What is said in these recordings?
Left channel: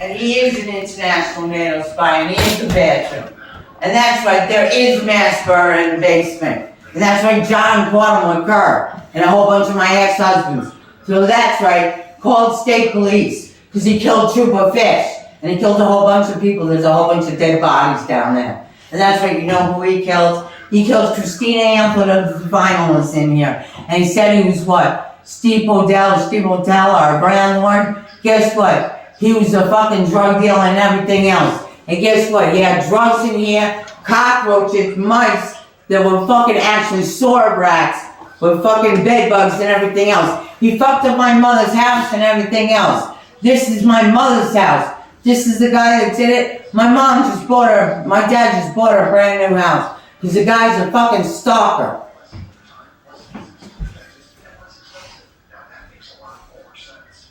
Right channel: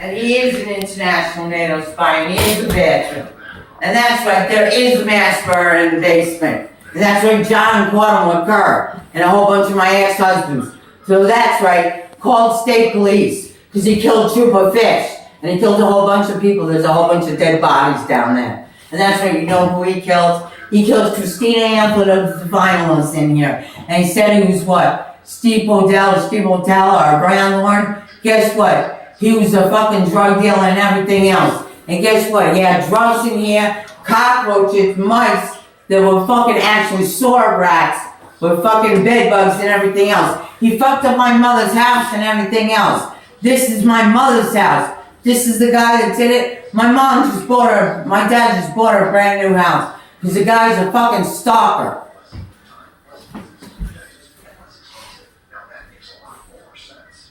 And he is an international NATO spy, and he is a veteran. And that's right, there is a mass murder in the basement. And that's right, John caught him with Kerr and a whole bunch of my ex-husbands. So that's right, called state police, because he killed Trooper Fish. And he killed a whole bunch of people. There's a whole bunch of dead bodies down there. And that's right, you know who he killed? He killed Christina Amplet of the finalists in here. And he said he was what? Steve Odell, our Grand Lord. Guess what? He was a fucking drug dealer and everything else. And guess what? He had drugs in here, cockroaches, mice. There were fucking actually sword rats with fucking bed bugs and everything else. He fucked up my mother's house and everything else. This is my mother's house. This is the guy that did it. My dad just bought her a brand new house. Because the guy's a fucking stalker.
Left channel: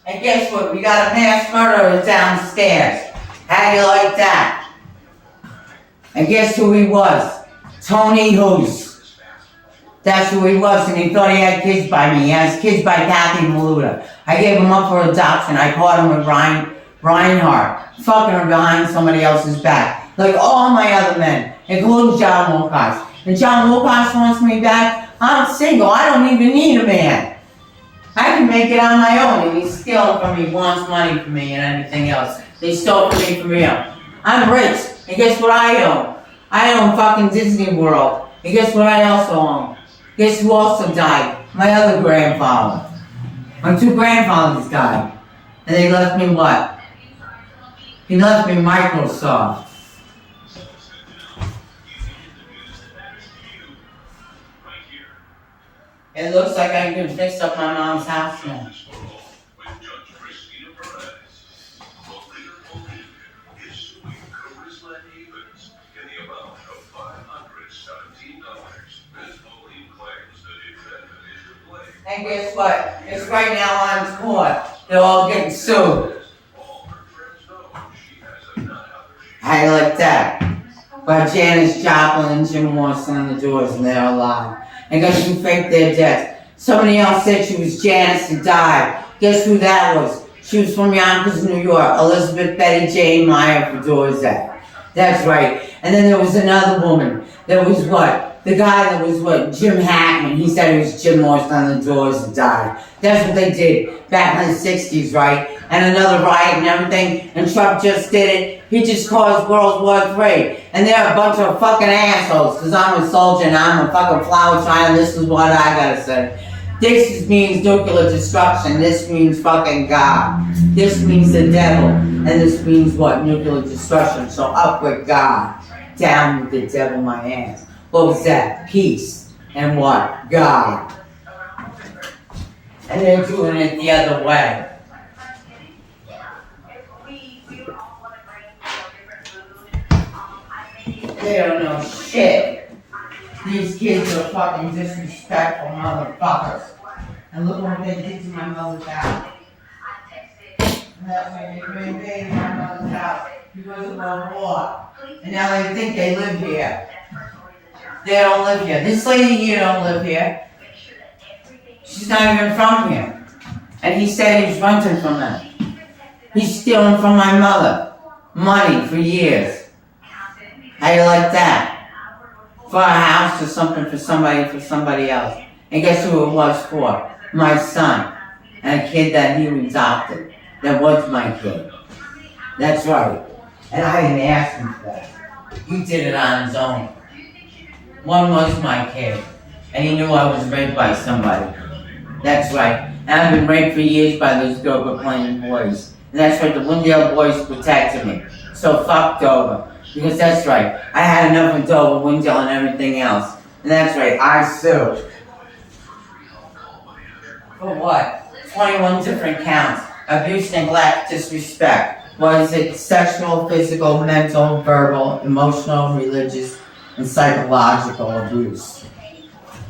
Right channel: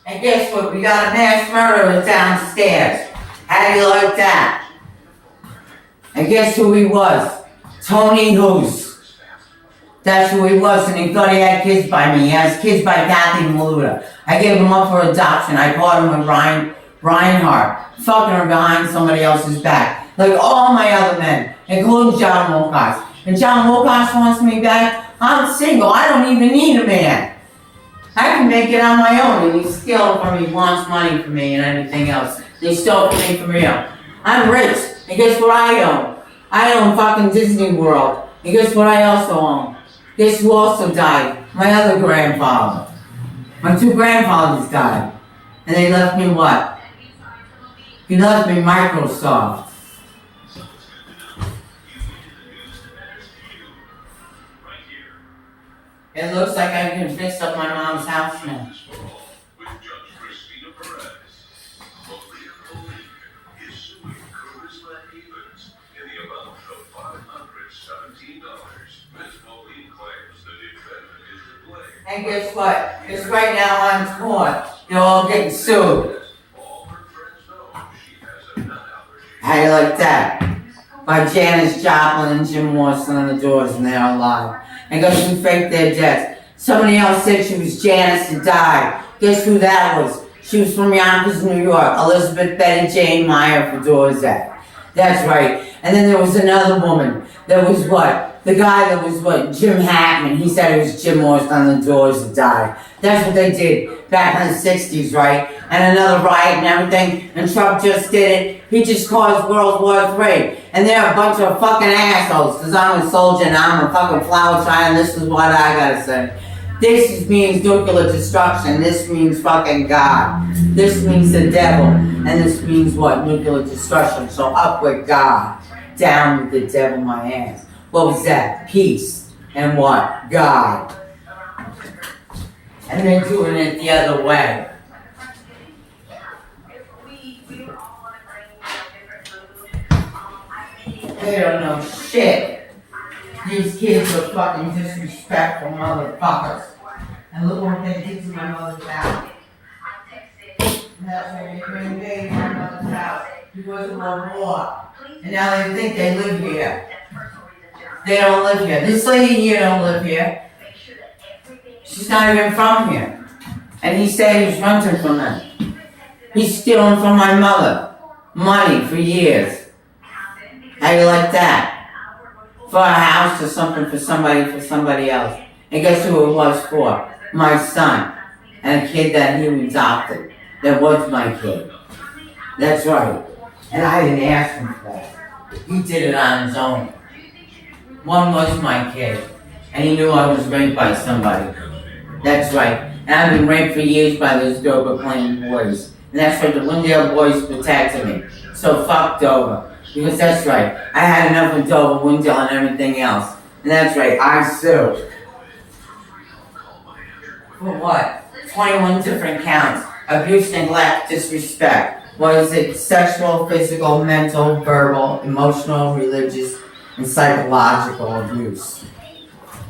And guess what? We got a mass murderer downstairs. How do you like that? And guess who he was? Tony Hoos. That's who he was, and he thought he had kids by me. He has kids by Kathy Maluda. I gave him up for adoption. I caught him with Reinhardt, fucking her behind somebody else's back. Like all my other men, including John Wilcox. And John Wilcox wants me back. I'm single. I don't even need a man. I can make it on my own, and he's stealing from me, wants money from me, and everything else. They stole from me for real. I'm rich, and guess what I own? I own fucking Disney World. And guess what I also own? Guess who also died? My other grandfather. My two grandfathers died. And they left me what? He left me Microsoft. It looks like I can fix up my mom's house now. And guess what? Because right now I'm court. They're all getting sued. How do you like that? By Janis Joplin and Jim Morrison on the doors, and they're alive. And guess who faked their deaths? Somebody else said she was Janice and died. Guess who that was? She was from Yonkers, New York. Elizabeth Betty Jane Meyer for Dorzak. That's right. And then there was another woman. There was what? The guy that was what? Jim Hackman. He said it was Jim Morrison on the doors that died. That's what they did back in the 60s, right? And another riot and everything. And Trump just did it. He just caused World War III. And they're a bunch of fucking assholes. Because I'm a soldier and I'm a fucking flower child. And this is what I gotta say. This means nuclear destruction. This means fucking God. This means the devil. And this means what? Nuclear destruction. So up with God. Down with the devil, my ass. What was that? Peace. And what? God. And they're doing it the other way. They don't know shit. These kids are fucking disrespectful motherfuckers. And look what they did to my mother's house. And that's why they invaded my mother's house. Because of the war. And now they think they live here. They don't live here. This lady here don't live here. She's not even from here. And he said he was renting from them. He's stealing from my mother. Money for years. How you like that? For a house or something for somebody else. And guess who it was for? My son. And a kid that he adopted. That was my kid. That's right. And I didn't ask him for that. He did it on his own. One was my kid. And he knew I was raped by somebody. That's right. And I've been raped for years by those Dover Plain boys. And that's right, the Windale boys protected me. So fuck Dover. Because that's right, I had enough of Dover, Windale, and everything else. And that's right, I sued. For what? 21 different counts. Abuse, neglect, disrespect. What is it? Sexual, physical, mental, verbal, emotional, religious, and psychological abuse.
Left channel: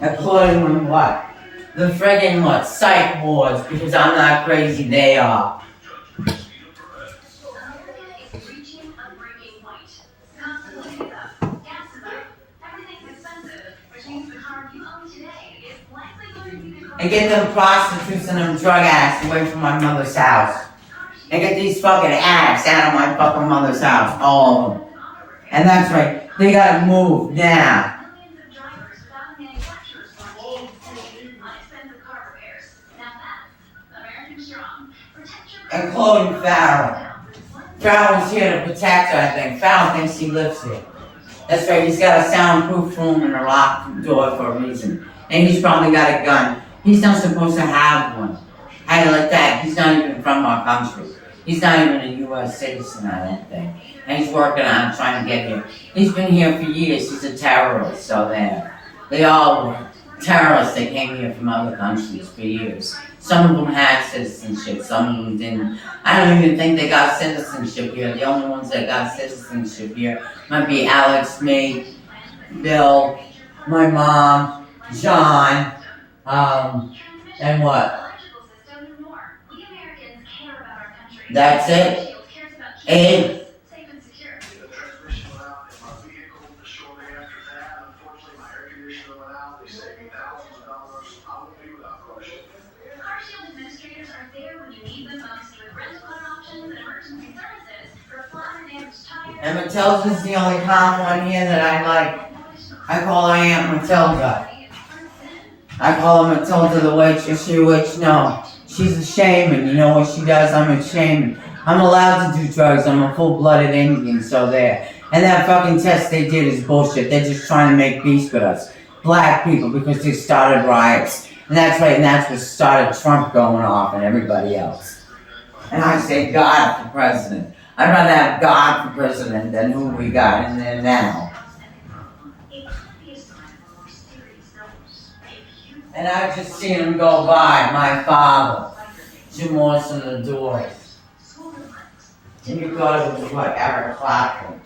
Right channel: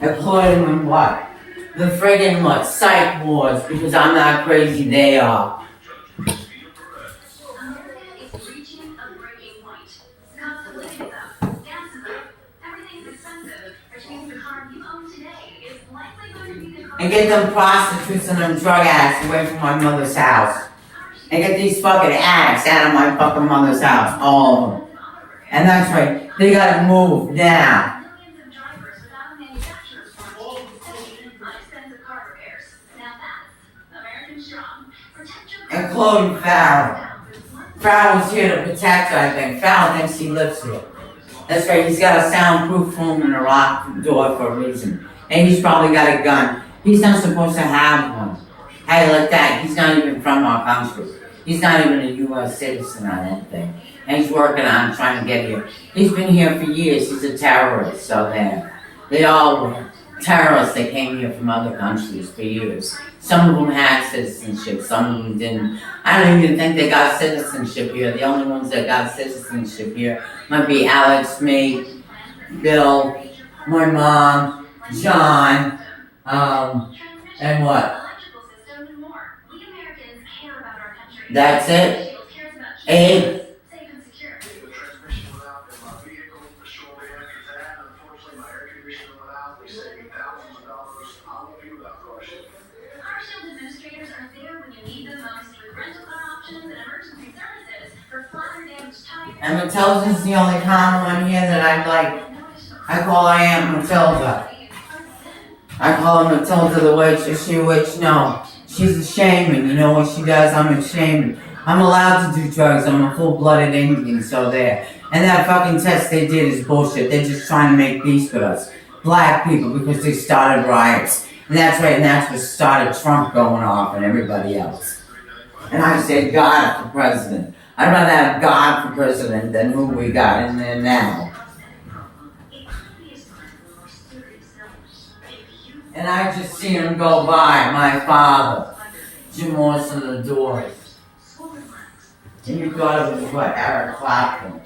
Including in what? The friggin' what? Psych wards, because I'm not crazy, they are. And get them prostitutes and them drug addicts away from my mother's house. and get these fucking ass out of my fucking mother's house, all of them. And that's right, they gotta move now. Including Farrell. Farrell's here to protect her, I think. Farrell thinks he lives here. That's right, he's got a soundproof room and a locked door for a reason. And he's probably got a gun. He's not supposed to have one. Hey, like that, he's not even from our country. He's not even a U.S. citizen or anything. And he's working on trying to get here. He's been here for years. He's a terrorist, so there. They all were terrorists that came here from other countries for years. Some of them had citizenship, some of them didn't. I don't even think they got citizenship here. The only ones that got citizenship here might be Alex, me, Bill, my mom, John, and what? That's it. Abe. And Matilda's the only common one here that I like. I call her Aunt Matilda. I call her Matilda the witch. Is she a witch? No. She's a shaman. You know what she does? I'm a shaman. I'm allowed to do drugs. I'm a full-blooded Indian, so there. And that fucking test they did is bullshit. They're just trying to make peace with us. Black people, because they started riots. And that's right, and that's what started Trump going off and everybody else. And I say God for president. I'd rather have God for president than who we got in there now. And I just seen him go by, my father, Jim Morrison the Doors. And you thought it was what, Eric Clapton.